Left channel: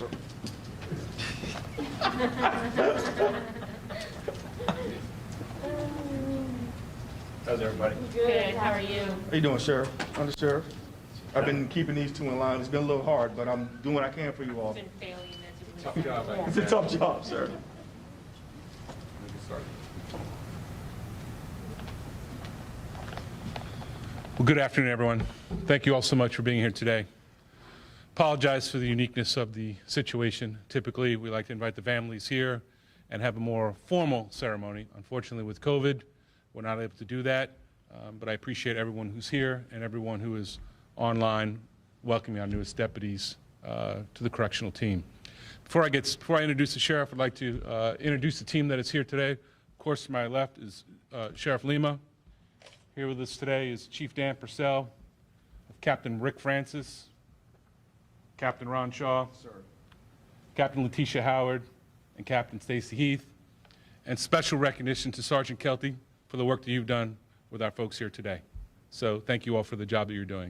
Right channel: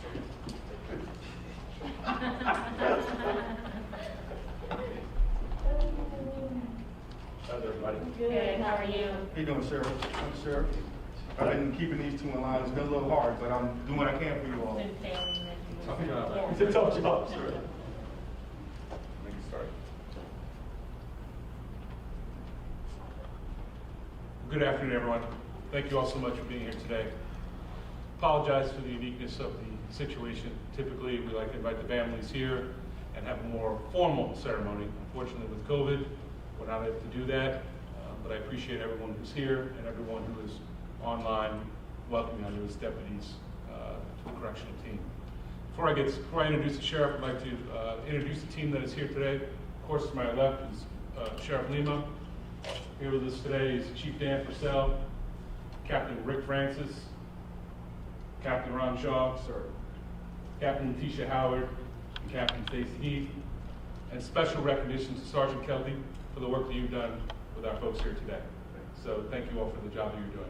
How's everybody? Good, how are you? How you doing, Sheriff? I'm the Sheriff. I've been keeping these two in line. It's been a little hard, but I'm doing what I can for you all. Been failing this. Tough job. It's a tough job, sir. Well, good afternoon, everyone. Thank you all so much for being here today. Apologize for the uniqueness of the situation. Typically, we like to invite the families here and have a more formal ceremony. Unfortunately, with COVID, we're not able to do that, but I appreciate everyone who's here and everyone who is online welcoming our newest deputies to the correctional team. Before I introduce the sheriff, I'd like to introduce the team that is here today. Of course, to my left is Sheriff Lima. Here with us today is Chief Dan Purcell, Captain Rick Francis, Captain Ron Shaw, Captain Letitia Howard, and Captain Stacy Heath. And special recognition to Sergeant Kelty for the work that you've done with our folks here today. So thank you all for the job that you're doing.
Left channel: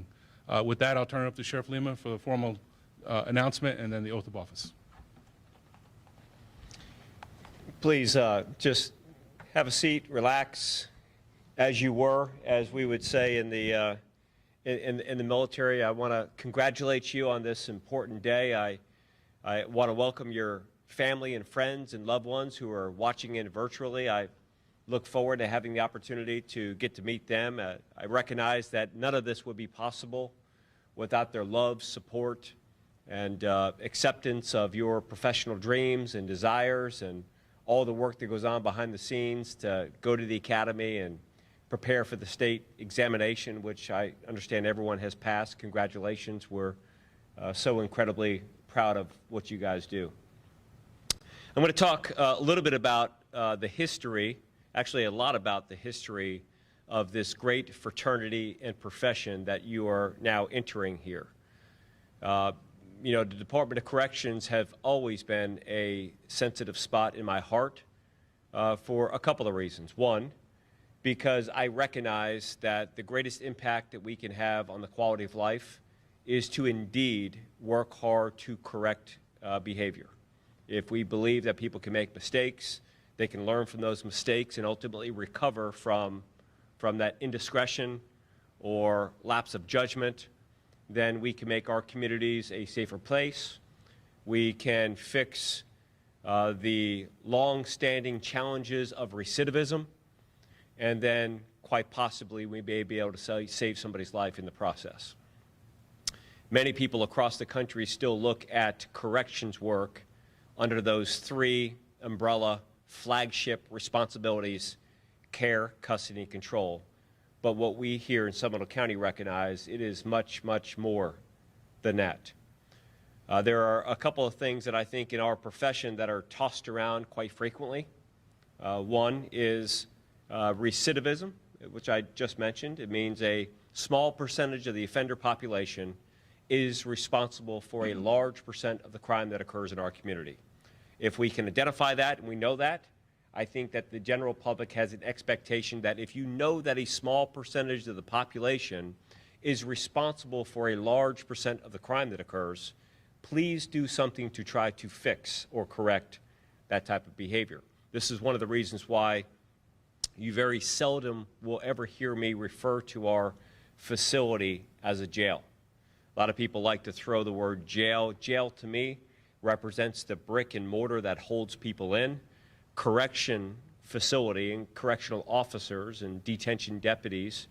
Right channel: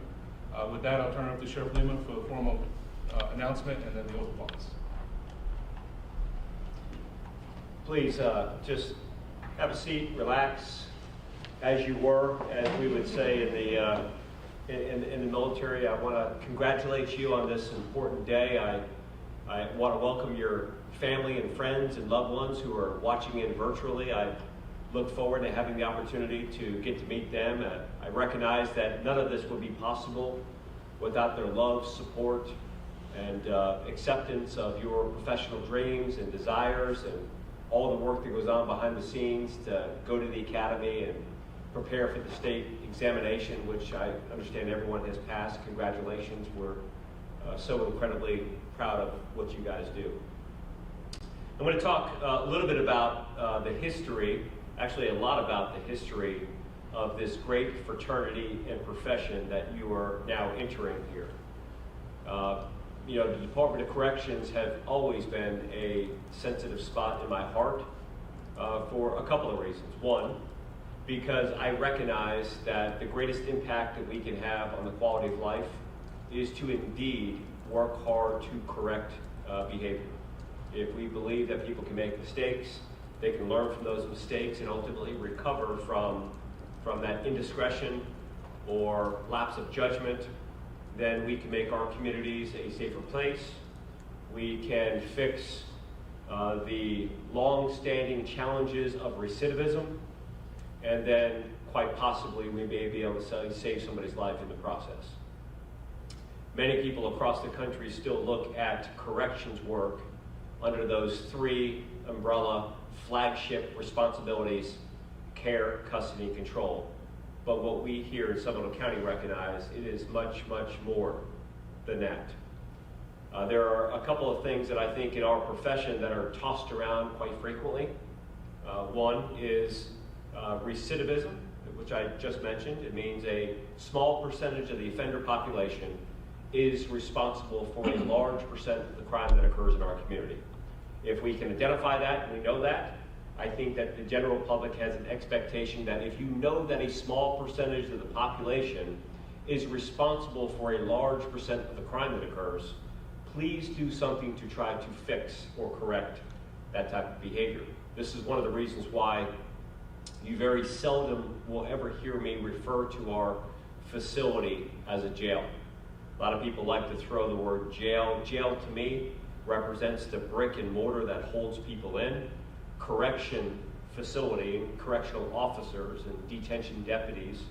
With that, I'll turn it up to Sheriff Lima for the formal announcement and then the oath of office. Please just have a seat, relax, as you were, as we would say in the military. I want to congratulate you on this important day. I want to welcome your family and friends and loved ones who are watching in virtually. I look forward to having the opportunity to get to meet them. I recognize that none of this would be possible without their love, support, and acceptance of your professional dreams and desires and all the work that goes on behind the scenes to go to the academy and prepare for the state examination, which I understand everyone has passed. Congratulations. We're so incredibly proud of what you guys do. I'm going to talk a little bit about the history, actually a lot about the history of this great fraternity and profession that you are now entering here. You know, the Department of Corrections have always been a sensitive spot in my heart for a couple of reasons. One, because I recognize that the greatest impact that we can have on the quality of life is to indeed work hard to correct behavior. If we believe that people can make mistakes, they can learn from those mistakes and ultimately recover from that indiscretion or lapse of judgment, then we can make our communities a safer place. We can fix the long-standing challenges of recidivism, and then quite possibly we may be able to save somebody's life in the process. Many people across the country still look at corrections work under those three umbrella flagship responsibilities: care, custody, and control. But what we here in Seminole County recognize, it is much, much more than that. There are a couple of things that I think in our profession that are tossed around quite frequently. One is recidivism, which I just mentioned. It means a small percentage of the offender population is responsible for a large percent of the crime that occurs in our community. If we can identify that, and we know that, I think that the general public has an expectation that if you know that a small percentage of the population is responsible for a large percent of the crime that occurs, please do something to try to fix or correct that type of behavior. This is one of the reasons why you very seldom will ever hear me refer to our facility as a jail. A lot of people like to throw the word jail. Jail to me represents the brick and mortar that holds people in. Correction facility and correctional officers and detention deputies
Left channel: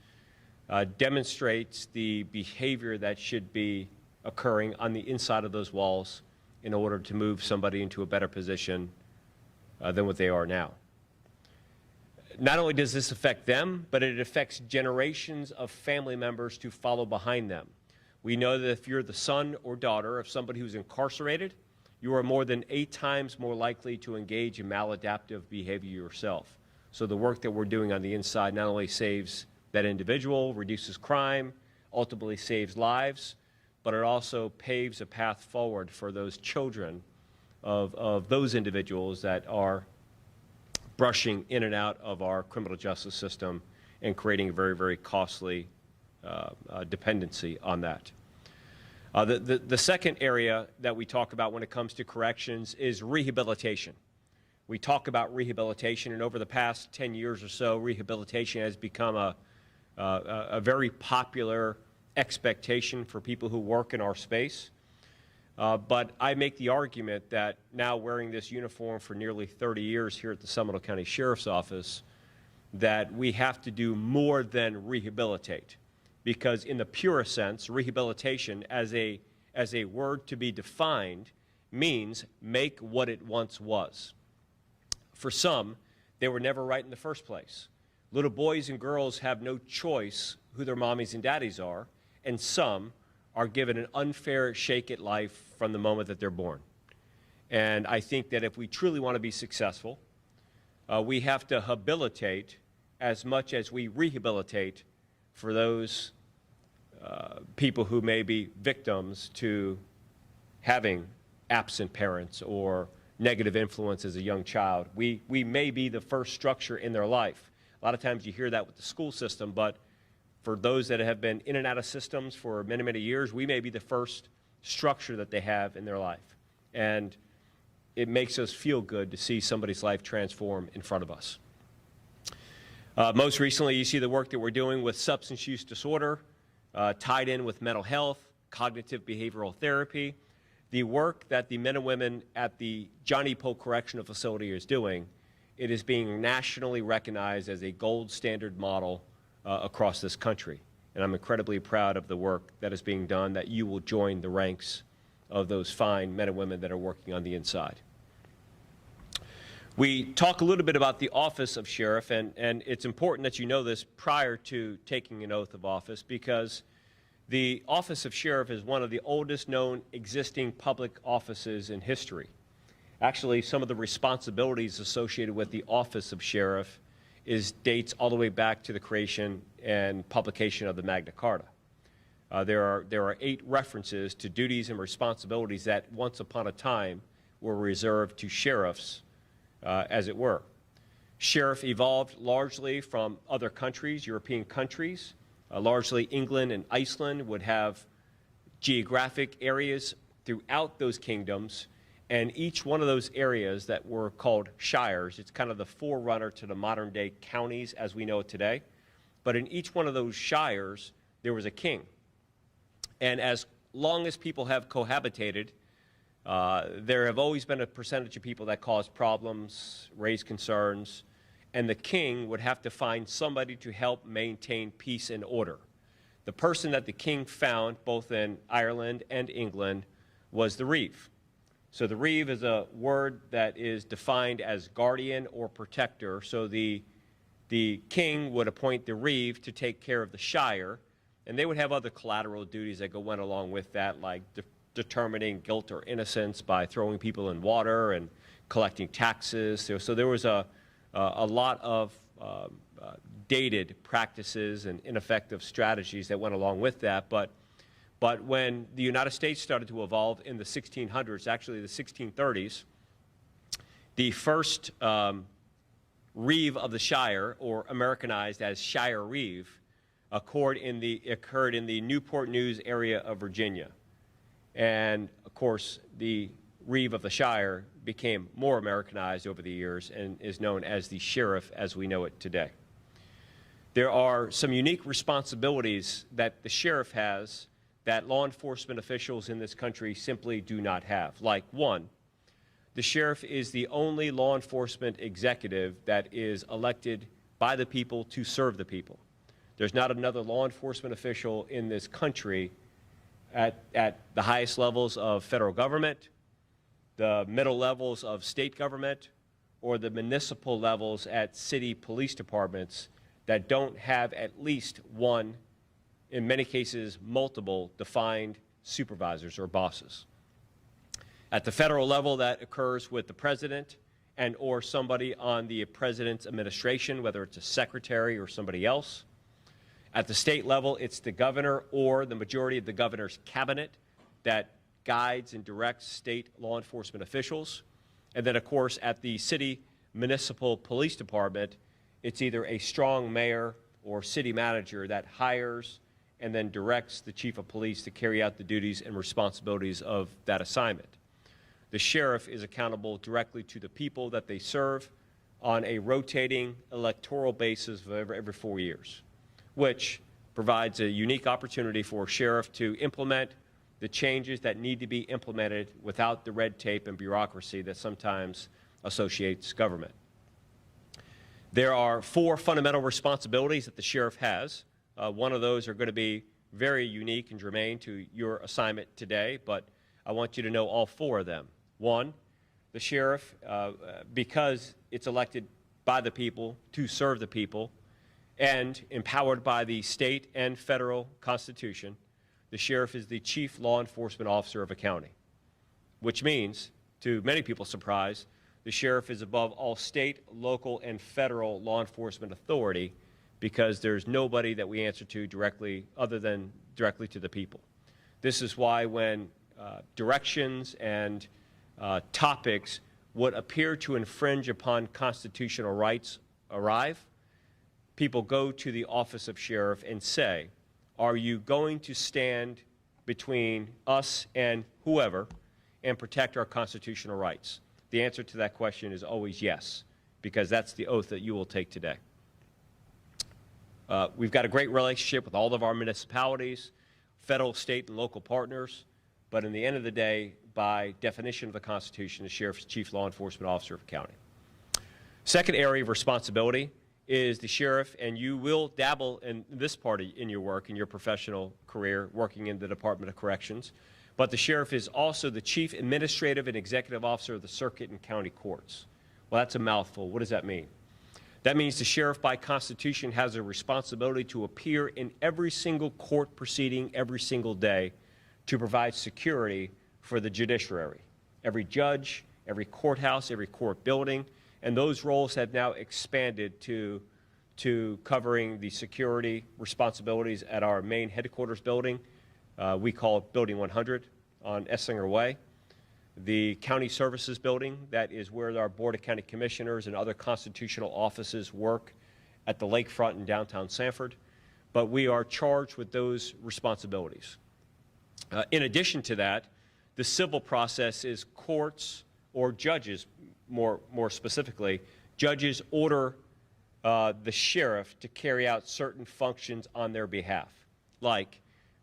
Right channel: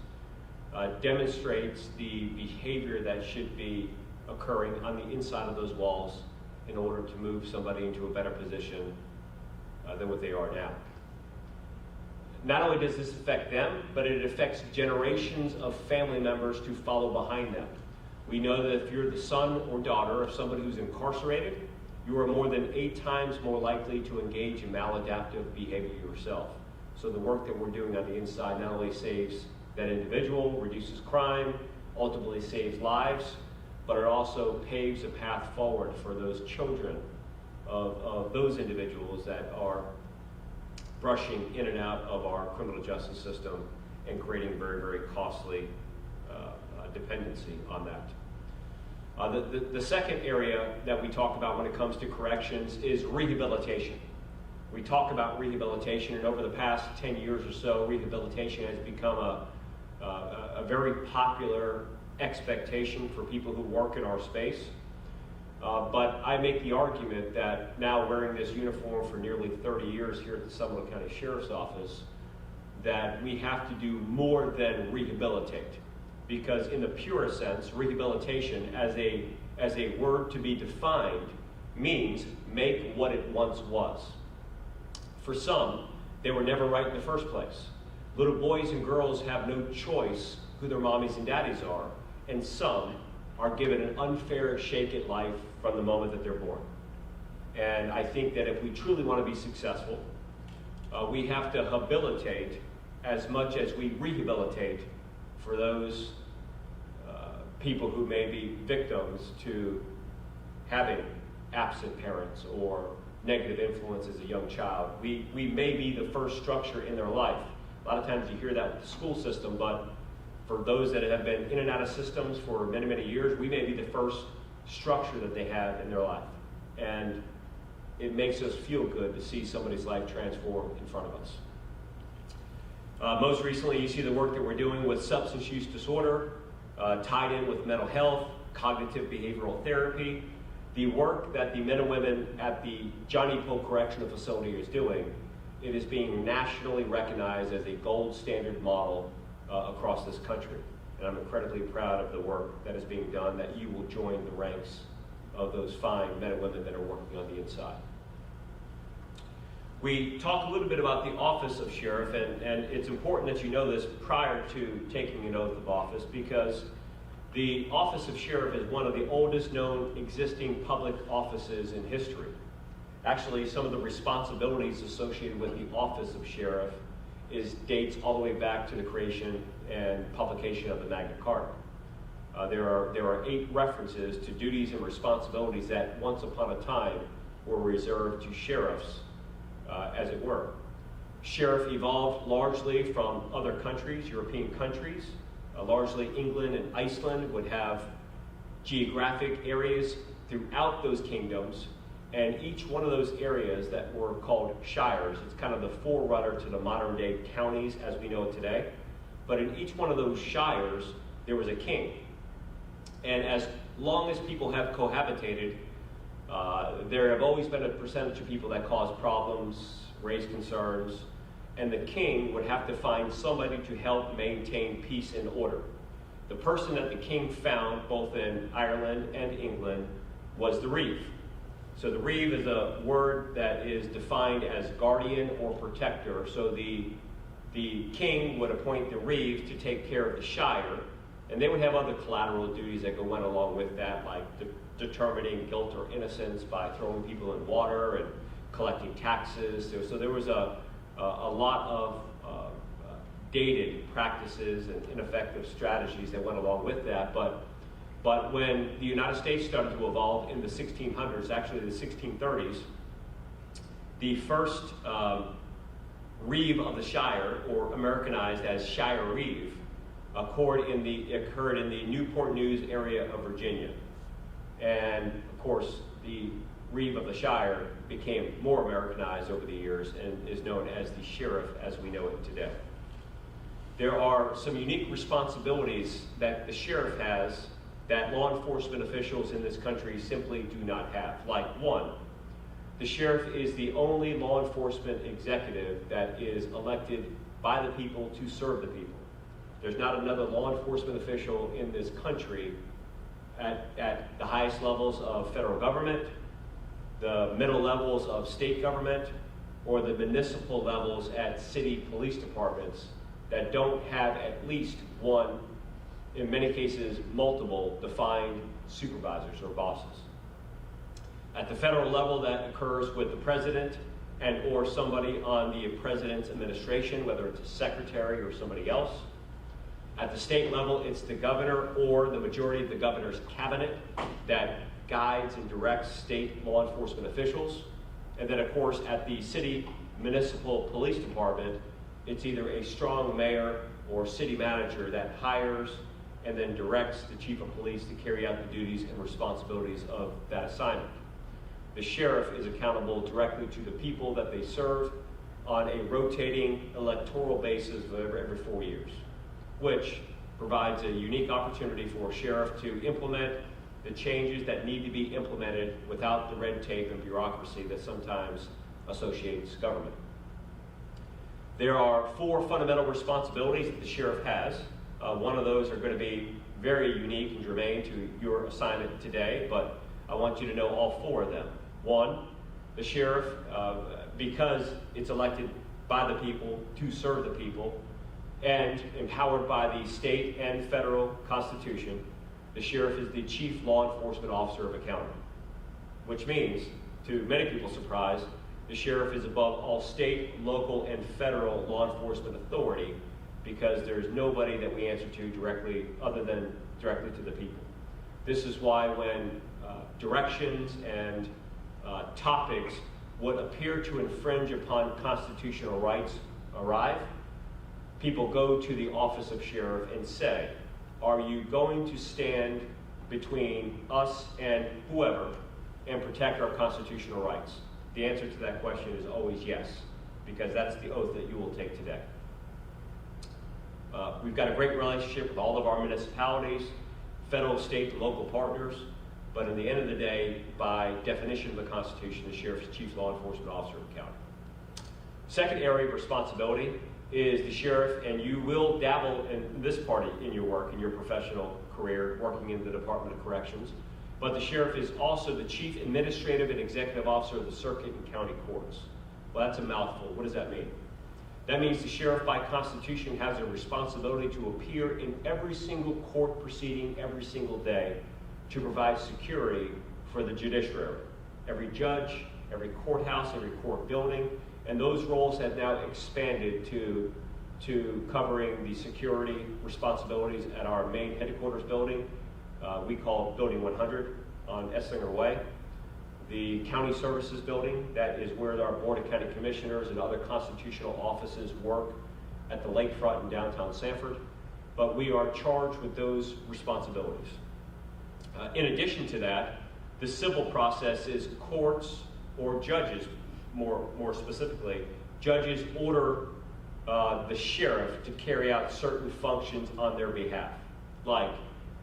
demonstrates the behavior that should be occurring on the inside of those walls in order to move somebody into a better position than what they are now. Not only does this affect them, but it affects generations of family members to follow behind them. We know that if you're the son or daughter of somebody who's incarcerated, you are more than 8 times more likely to engage in maladaptive behavior yourself. So the work that we're doing on the inside not only saves that individual, reduces crime, ultimately saves lives, but it also paves a path forward for those children of those individuals that are brushing in and out of our criminal justice system and creating very, very costly dependency on that. The second area that we talk about when it comes to corrections is rehabilitation. We talk about rehabilitation, and over the past 10 years or so, rehabilitation has become a very popular expectation for people who work in our space. But I make the argument that now, wearing this uniform for nearly 30 years here at the Seminole County Sheriff's Office, that we have to do more than rehabilitate. Because in the purest sense, rehabilitation as a word to be defined means make what it once was. For some, they were never right in the first place. Little boys and girls have no choice who their mommies and daddies are, and some are given an unfair shake at life from the moment that they're born. And I think that if we truly want to be successful, we have to habilitate as much as we rehabilitate for those people who may be victims to having absent parents or negative influence as a young child. We may be the first structure in their life. A lot of times you hear that with the school system, but for those that have been in and out of systems for many, many years, we may be the first structure that they have in their life. And it makes us feel good to see somebody's life transform in front of us. Most recently, you see the work that we're doing with substance use disorder, tied in with mental health, cognitive behavioral therapy. The work that the men and women at the Johnny Poe Correctional Facility is doing, it is being nationally recognized as a gold standard model across this country. And I'm incredibly proud of the work that is being done, that you will join the ranks of those fine men and women that are working on the inside. We talk a little bit about the office of sheriff, and it's important that you know this prior to taking an oath of office, because the office of sheriff is one of the oldest known existing public offices in history. Actually, some of the responsibilities associated with the office of sheriff dates all the way back to the creation and publication of the Magna Carta. There are 8 references to duties and responsibilities that once upon a time were reserved to sheriffs, as it were. Sheriff evolved largely from other countries, European countries. Largely England and Iceland would have geographic areas throughout those kingdoms, and each one of those areas that were called shires, it's kind of the forerunner to the modern day counties as we know it today, but in each one of those shires there was a king. And as long as people have cohabitated, there have always been a percentage of people that cause problems, raise concerns, and the king would have to find somebody to help maintain peace and order. The person that the king found, both in Ireland and England, was the reeve. So the reeve is a word that is defined as guardian or protector. So the king would appoint the reeve to take care of the shire, and they would have other collateral duties that went along with that, like determining guilt or innocence by throwing people in water and collecting taxes. So there was a lot of dated practices and ineffective strategies that went along with that. But when the United States started to evolve in the 1600s, actually the 1630s, the first reeve of the shire, or Americanized as shire reeve, occurred in the Newport News area of Virginia. And of course, the reeve of the shire became more Americanized over the years and is known as the sheriff as we know it today. There are some unique responsibilities that the sheriff has that law enforcement officials in this country simply do not have. Like, one, the sheriff is the only law enforcement executive that is elected by the people to serve the people. There's not another law enforcement official in this country at the highest levels of federal government, the middle levels of state government, or the municipal levels at city police departments that don't have at least one, in many cases multiple, defined supervisors or bosses. At the federal level, that occurs with the president and or somebody on the president's administration, whether it's a secretary or somebody else. At the state level, it's the governor or the majority of the governor's cabinet that guides and directs state law enforcement officials. And then, of course, at the city municipal police department, it's either a strong mayor or city manager that hires and then directs the chief of police to carry out the duties and responsibilities of that assignment. The sheriff is accountable directly to the people that they serve on a rotating electoral basis every 4 years, which provides a unique opportunity for a sheriff to implement the changes that need to be implemented without the red tape and bureaucracy that sometimes associates government. There are 4 fundamental responsibilities that the sheriff has. One of those are going to be very unique and germane to your assignment today, but I want you to know all 4 of them. 1, the sheriff, because it's elected by the people to serve the people and empowered by the state and federal constitution, the sheriff is the chief law enforcement officer of a county, which means, to many people's surprise, the sheriff is above all state, local, and federal law enforcement authority, because there's nobody that we answer to directly other than directly to the people. This is why when directions and topics would appear to infringe upon constitutional rights arrive, people go to the office of sheriff and say, are you going to stand between us and whoever and protect our constitutional rights? The answer to that question is always yes, because that's the oath that you will take today. We've got a great relationship with all of our municipalities, federal, state, and local partners, but in the end of the day, by definition of the Constitution, the sheriff is the chief law enforcement officer of the county. Second area of responsibility is the sheriff, and you will dabble in this part in your work, in your professional career, working in the Department of Corrections, but the sheriff is also the chief administrative and executive officer of the circuit and county courts. Well, that's a mouthful. What does that mean? That means the sheriff by constitution has a responsibility to appear in every single court proceeding every single day to provide security for the judiciary. Every judge, every courthouse, every court building, and those roles have now expanded to covering the security responsibilities at our main headquarters building. We call Building 100 on Esslinger Way. The County Services Building, that is where our Board of County Commissioners and other constitutional offices work at the lakefront in downtown Sanford. But we are charged with those responsibilities. In addition to that, the civil process is courts or judges, more specifically, judges order the sheriff to carry out certain functions on their behalf, like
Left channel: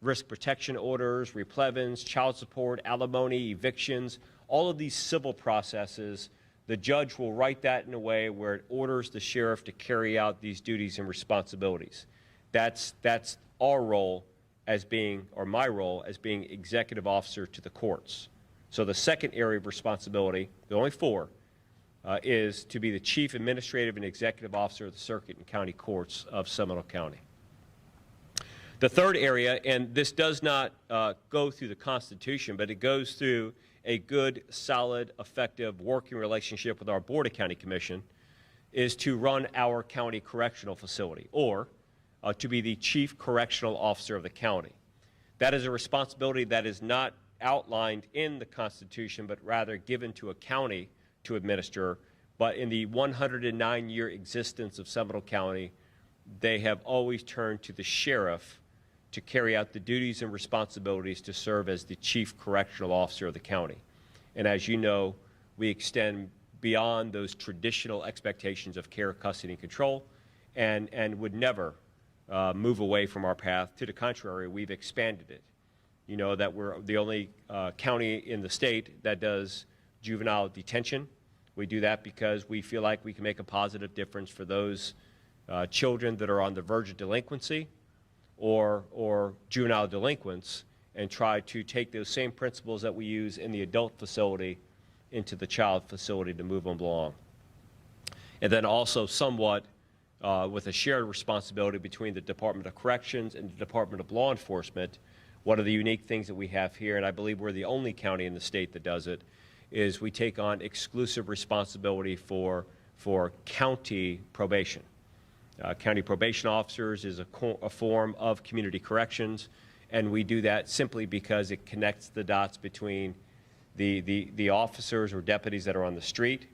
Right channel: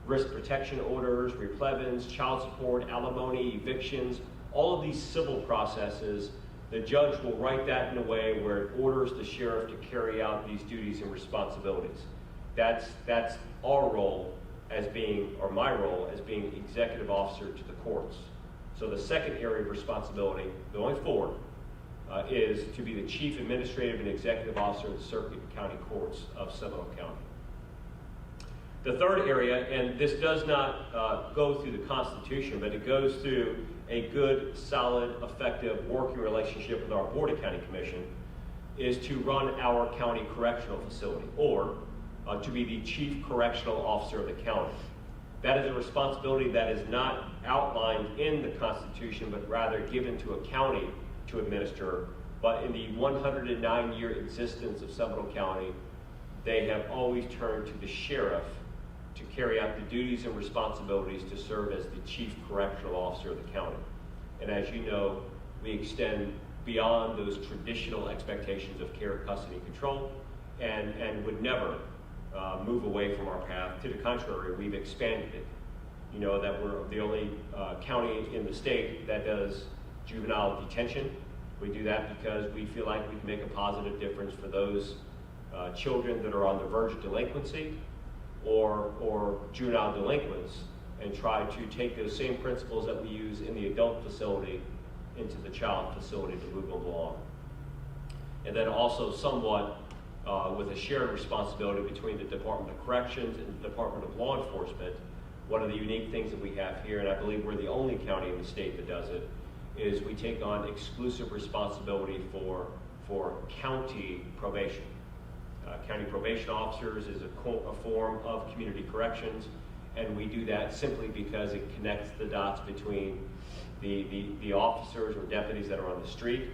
risk protection orders, replevins, child support, alimony, evictions, all of these civil processes. The judge will write that in a way where it orders the sheriff to carry out these duties and responsibilities. That's our role as being, or my role as being executive officer to the courts. So the second area of responsibility, the only 4, is to be the chief administrative and executive officer of the circuit and county courts of Seminole County. The third area, and this does not go through the Constitution, but it goes through a good, solid, effective working relationship with our Board of County Commission, is to run our county correctional facility, or to be the chief correctional officer of the county. That is a responsibility that is not outlined in the Constitution, but rather given to a county to administer. But in the 109-year existence of Seminole County, they have always turned to the sheriff to carry out the duties and responsibilities to serve as the chief correctional officer of the county. And as you know, we extend beyond those traditional expectations of care, custody, and control, and would never move away from our path. To the contrary, we've expanded it. You know that we're the only county in the state that does juvenile detention. We do that because we feel like we can make a positive difference for those children that are on the verge of delinquency or juvenile delinquents, and try to take those same principles that we use in the adult facility into the child facility to move them along. And then also somewhat with a shared responsibility between the Department of Corrections and the Department of Law Enforcement. One of the unique things that we have here, and I believe we're the only county in the state that does it, is we take on exclusive responsibility for county probation. County probation officers is a form of community corrections, and we do that simply because it connects the dots between the officers or deputies that are on the street,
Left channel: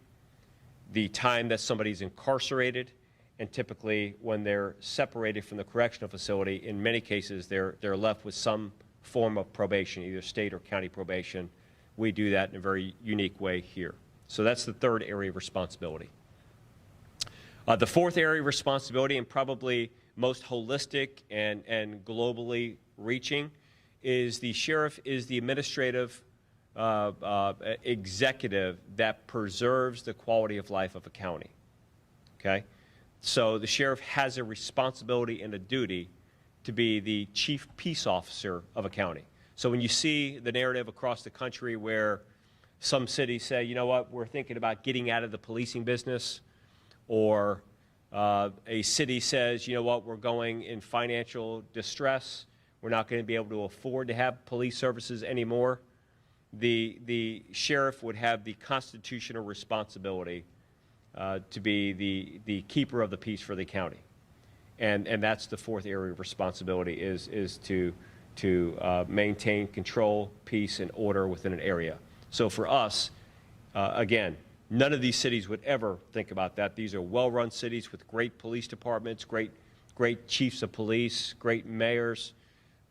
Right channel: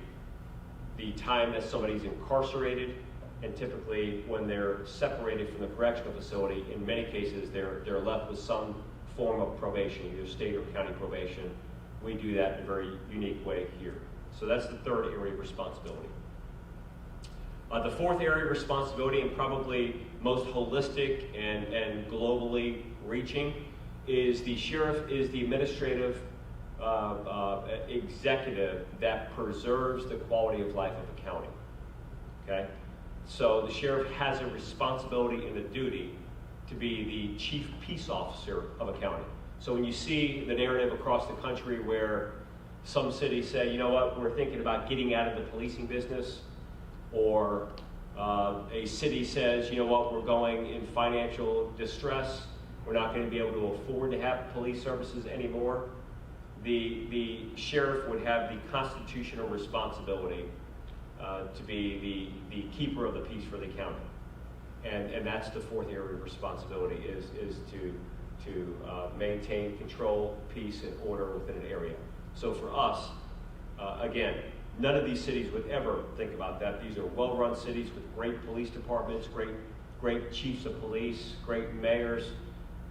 the time that somebody's incarcerated, And typically, when they're separated from the correctional facility, in many cases, they're left with some form of probation, either state or county probation. We do that in a very unique way here. So that's the third area of responsibility. The fourth area of responsibility, and probably most holistic and globally reaching, is the sheriff is the administrative executive that preserves the quality of life of a county. Okay? So the sheriff has a responsibility and a duty to be the chief peace officer of a county. So when you see the narrative across the country where some cities say, you know what, we're thinking about getting out of the policing business, or a city says, you know what, we're going in financial distress, we're not going to be able to afford to have police services anymore, the sheriff would have the constitutional responsibility to be the keeper of the peace for the county. And that's the fourth area of responsibility, is to maintain control, peace, and order within an area. So for us, again, none of these cities would ever think about that. These are well-run cities with great police departments, great chiefs of police, great mayors.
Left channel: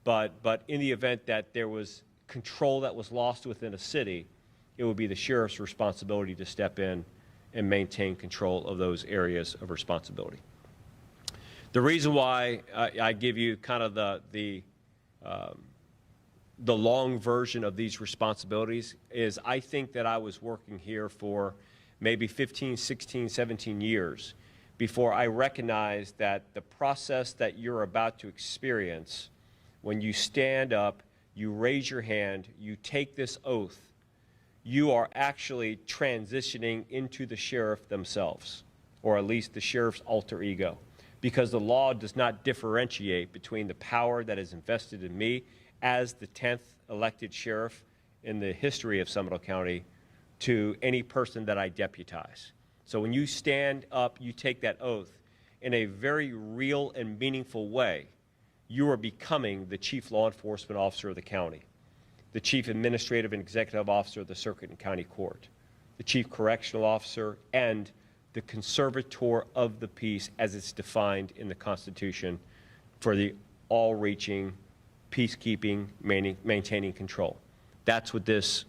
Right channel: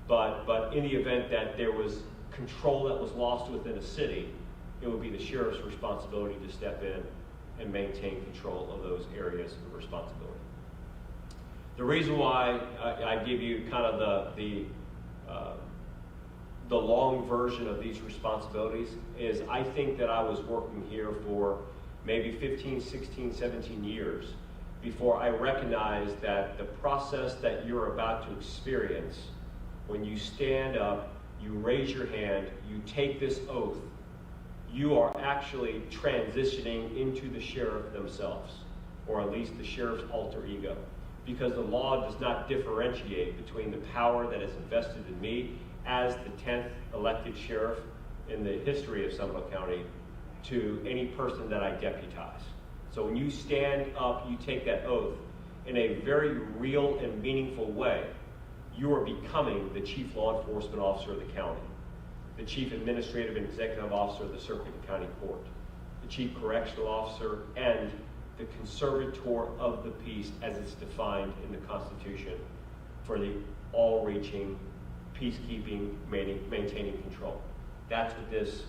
But in the event that there was control that was lost within a city, it would be the sheriff's responsibility to step in and maintain control of those areas of responsibility. The reason why I give you kind of the long version of these responsibilities is I think that I was working here for maybe 15, 16, 17 years before I recognized that the process that you're about to experience, when you stand up, you raise your hand, you take this oath, you are actually transitioning into the sheriff themselves, or at least the sheriff's alter ego, because the law does not differentiate between the power that is invested in me as the 10th elected sheriff in the history of Seminole County to any person that I deputize. So when you stand up, you take that oath in a very real and meaningful way, you are becoming the chief law enforcement officer of the county, the chief administrative and executive officer of the circuit and county court, the chief correctional officer, and the conservator of the peace as it's defined in the Constitution for the all-reaching, peacekeeping, maintaining control. That's what this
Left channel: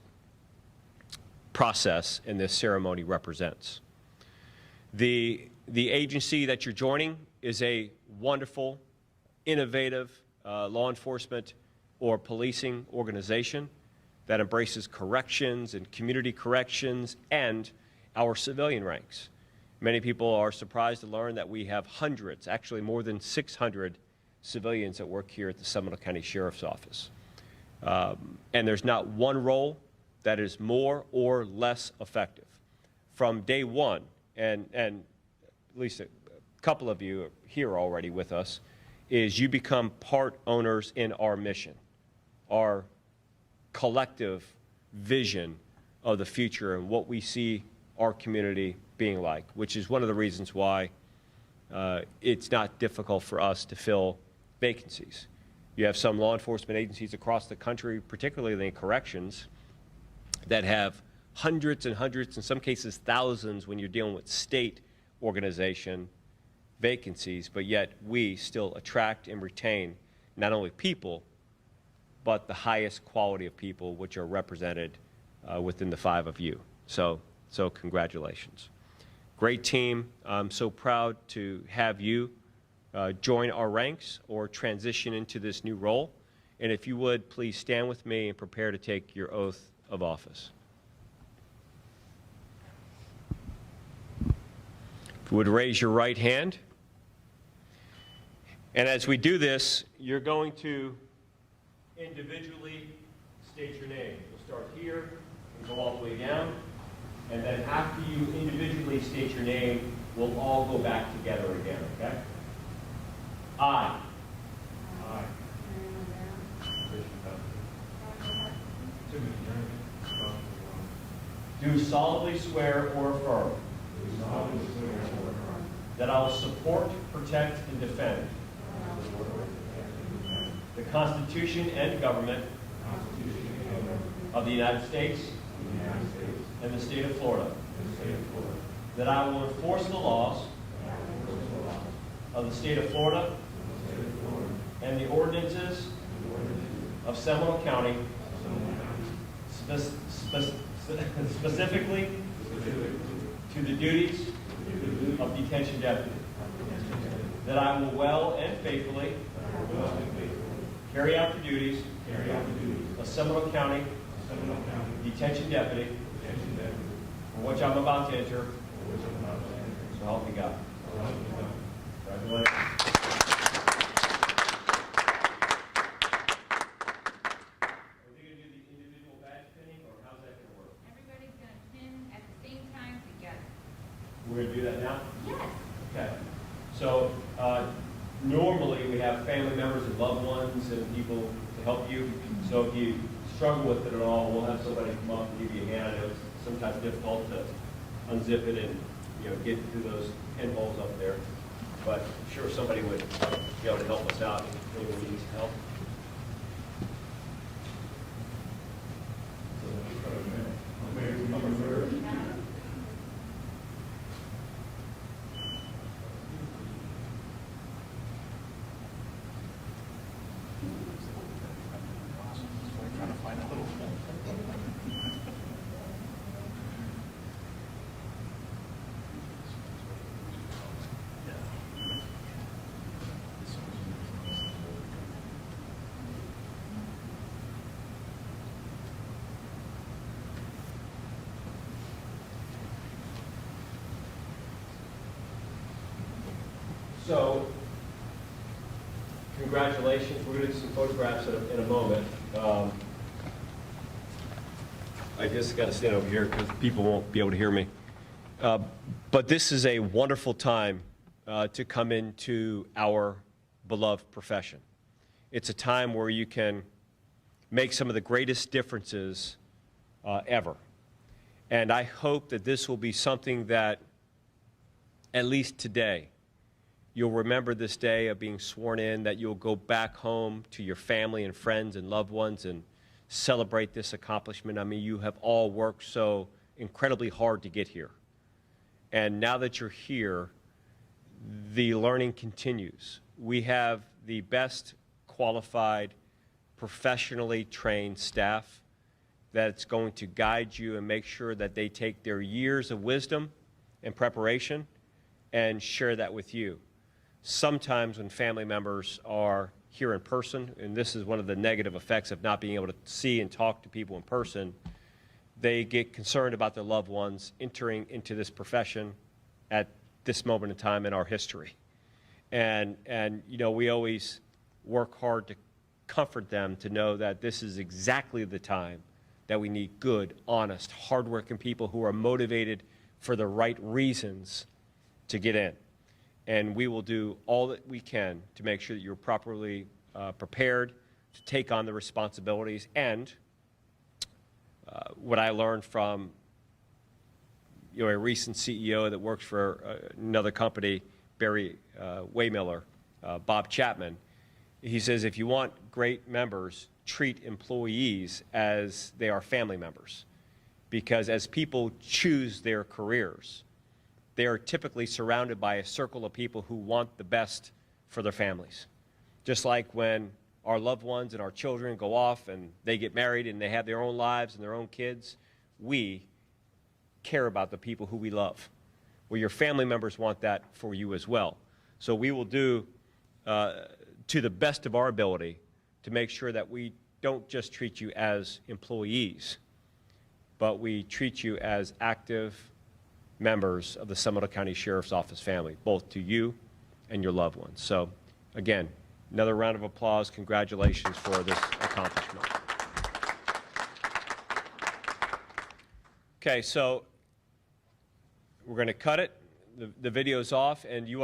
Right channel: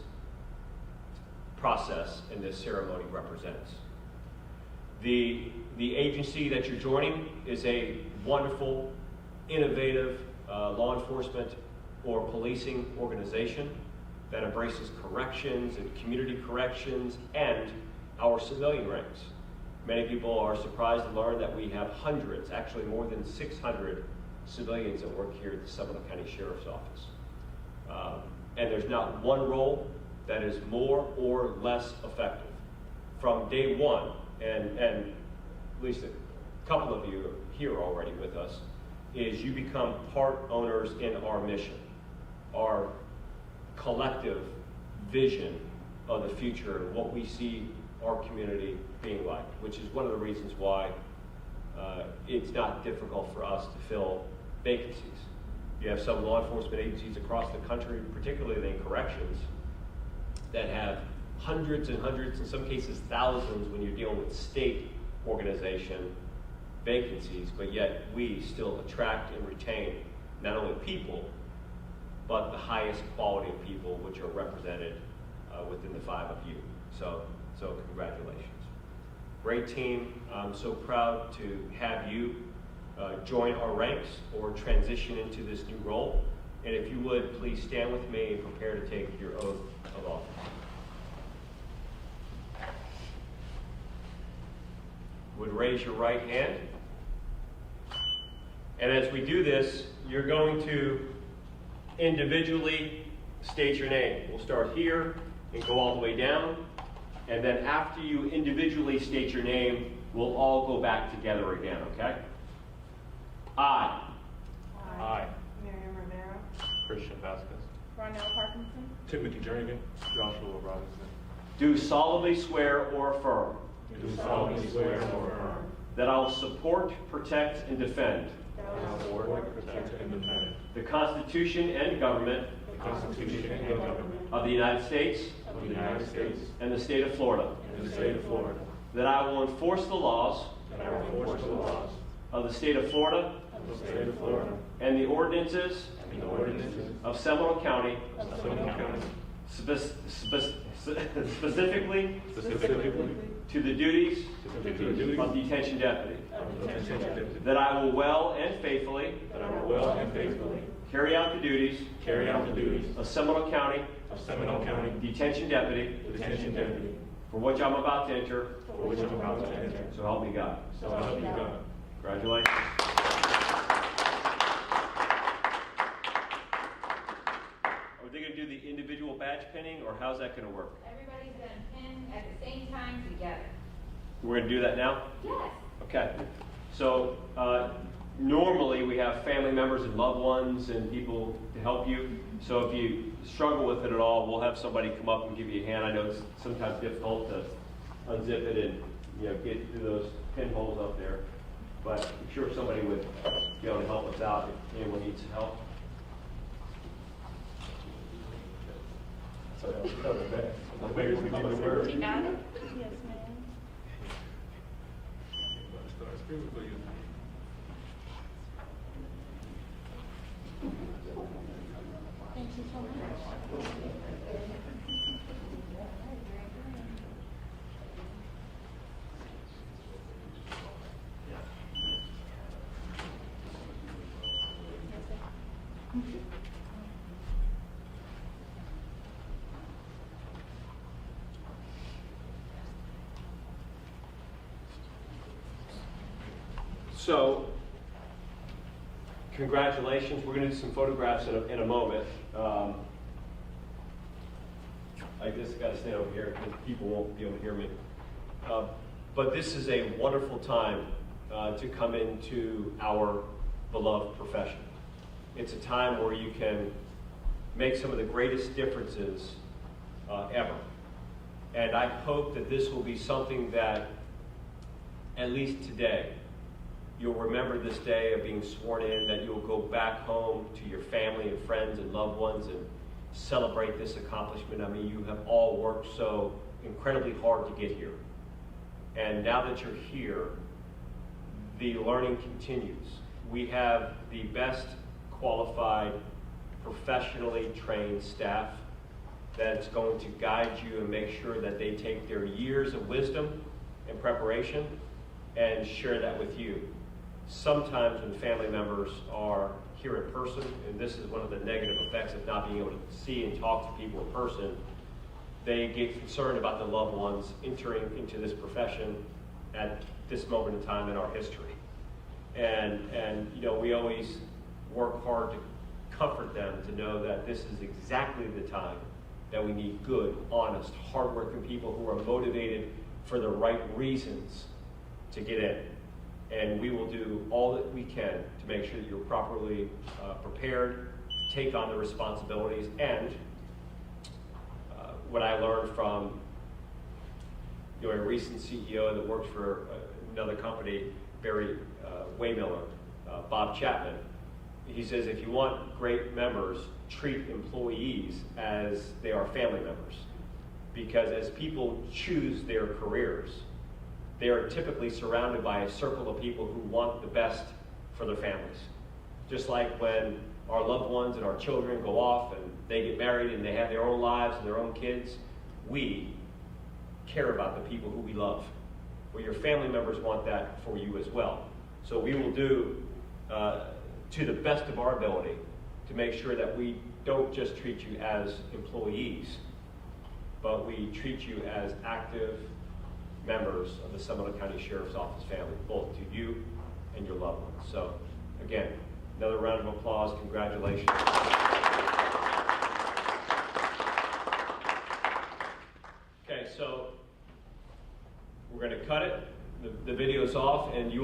process and this ceremony represents. The agency that you're joining is a wonderful, innovative law enforcement or policing organization that embraces corrections and community corrections and our civilian ranks. Many people are surprised to learn that we have hundreds, actually more than 600 civilians that work here at the Seminole County Sheriff's Office. And there's not one role that is more or less effective. From day one, and at least a couple of you are here already with us, is you become part owners in our mission, our collective vision of the future and what we see our community being like, which is one of the reasons why it's not difficult for us to fill vacancies. You have some law enforcement agencies across the country, particularly in corrections, that have hundreds and hundreds, in some cases thousands when you're dealing with state organization vacancies, but yet we still attract and retain not only people, but the highest quality of people which are represented within the 5 of you. So congratulations. Great team. I'm so proud to have you join our ranks or transition into this new role. And if you would, please stand with me and prepare to take your oath of office. If you would raise your right hand. And as we do this, you're going to individually state your name. We'll start here and go all the way down. And then after you individually state your name, we'll all go back together again, okay? I. Christian Pastor. Timothy Jernigan. Joshua Robinson. Do solemnly swear or affirm Do solemnly swear or affirm that I will support, protect, and defend that I will support, protect, and defend the Constitution and government the Constitution and government of the United States of the United States and the state of Florida, and the state of Florida. that I will enforce the laws That that I will enforce the laws of the state of Florida of the state of Florida and the ordinances and the ordinances of Seminole County, of Seminole County, specifically specifically to the duties to the duties of detention deputy, of detention deputy, that I will well and faithfully that I will well and faithfully carry out the duties carry out the duties of Seminole County of Seminole County detention deputy, detention deputy, for which I'm about to enter, for which I'm about to enter. so help me God. So help me God. Congratulations. Are they going to do the individual badge pinning, or how's that going to work? Everybody's gonna pin at the same time together. We're going to do that now? Yes. Okay. So normally we have family members and loved ones and people to help you. So if you struggle with it at all, we'll have somebody come up and give you a hand. I know it's sometimes difficult to unzip it and get through those pinholes up there, but I'm sure somebody would be able to help us out if anyone needs help. Maybe we need to work. You got it? So, congratulations. We're going to do some photographs in a moment. I just got to stand over here because people won't be able to hear me. But this is a wonderful time to come into our beloved profession. It's a time where you can make some of the greatest differences ever. And I hope that this will be something that, at least today, you'll remember this day of being sworn in, that you'll go back home to your family and friends and loved ones and celebrate this accomplishment. I mean, you have all worked so incredibly hard to get here. And now that you're here, the learning continues. We have the best qualified, professionally trained staff that's going to guide you and make sure that they take their years of wisdom and preparation and share that with you. Sometimes when family members are here in person, and this is one of the negative effects of not being able to see and talk to people in person, they get concerned about their loved ones entering into this profession at this moment in time in our history. And we always work hard to comfort them to know that this is exactly the time that we need good, honest, hardworking people who are motivated for the right reasons to get in. And we will do all that we can to make sure that you're properly prepared to take on the responsibilities. And what I learned from a recent CEO that works for another company, Barry Waymiller, Bob Chapman, he says, if you want great members, treat employees as they are family members. Because as people choose their careers, they are typically surrounded by a circle of people who want the best for their families. Just like when our loved ones and our children go off and they get married and they have their own lives and their own kids, we care about the people who we love. Well, your family members want that for you as well. So we will do to the best of our ability to make sure that we don't just treat you as employees, but we treat you as active members of the Seminole County Sheriff's Office family, both to you and your loved ones. So again, another round of applause. Congratulations for this accomplishment. Okay, so we're going to cut it. The video's off, and you want